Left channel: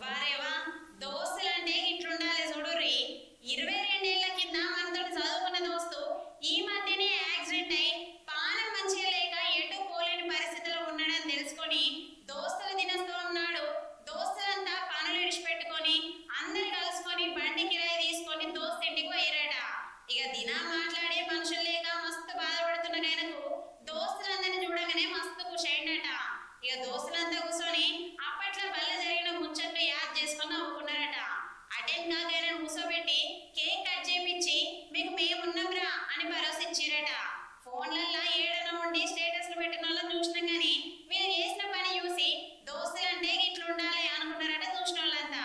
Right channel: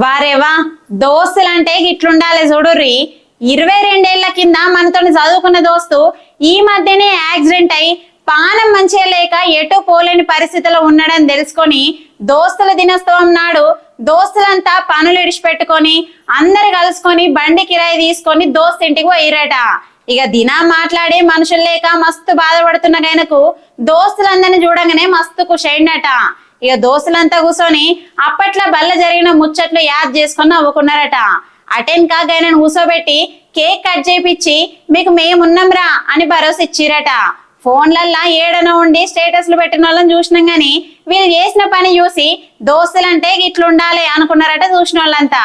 వారేవా దోస్తులంటే గిట్లుండాలి చూడుర్రి. 22 ఏళ్ల కింద మనతో చదువుకున్న దోస్తు ఈ మధ్యనే యాక్సిడెంట్ అయి పానం మంచిగా లేక ఎటు పోలేని పరిస్థితిలో ఉన్నాడని తెలుసుకొని దోస్తుల దినోత్సవం నాడు దోస్తులంతా పనులు ఇడిచిపెట్టుకొని అందరు కలుసుకొని బండి కిరాయి తీసుకొని దోస్తు ఇంటికి పోయిరట. ఇక దినా మాట్లాడే మనుషులు లేక మస్తు బాధపడుతున్న గైనకు దోస్తులందరిని చూడంగానే మస్తు ఖుషైండట. ఇక దోస్తులంతా కూర్చొని అప్పట్లో బల్ల జరిగిన ముచ్చట్లు యాద్ చేసుకొని నవ్వుకున్నారట. అటెన్ కాగాయనను కూర్చోబెట్టి కేక్ కట్ చేపించి మీకు మేమున్నాంరా అని భరోసా ఇచ్చిరట. ఫోన్లల్లా ఏడనో ఉండి స్టేటస్లు పెట్టిన వాళ్ళని చూసినాం గాని వీళ్ళు చేసిన పని చూసి దోస్తులంటే ఇట్లుండాలి అనుకున్నారట చూసిన వాళ్ళంతా.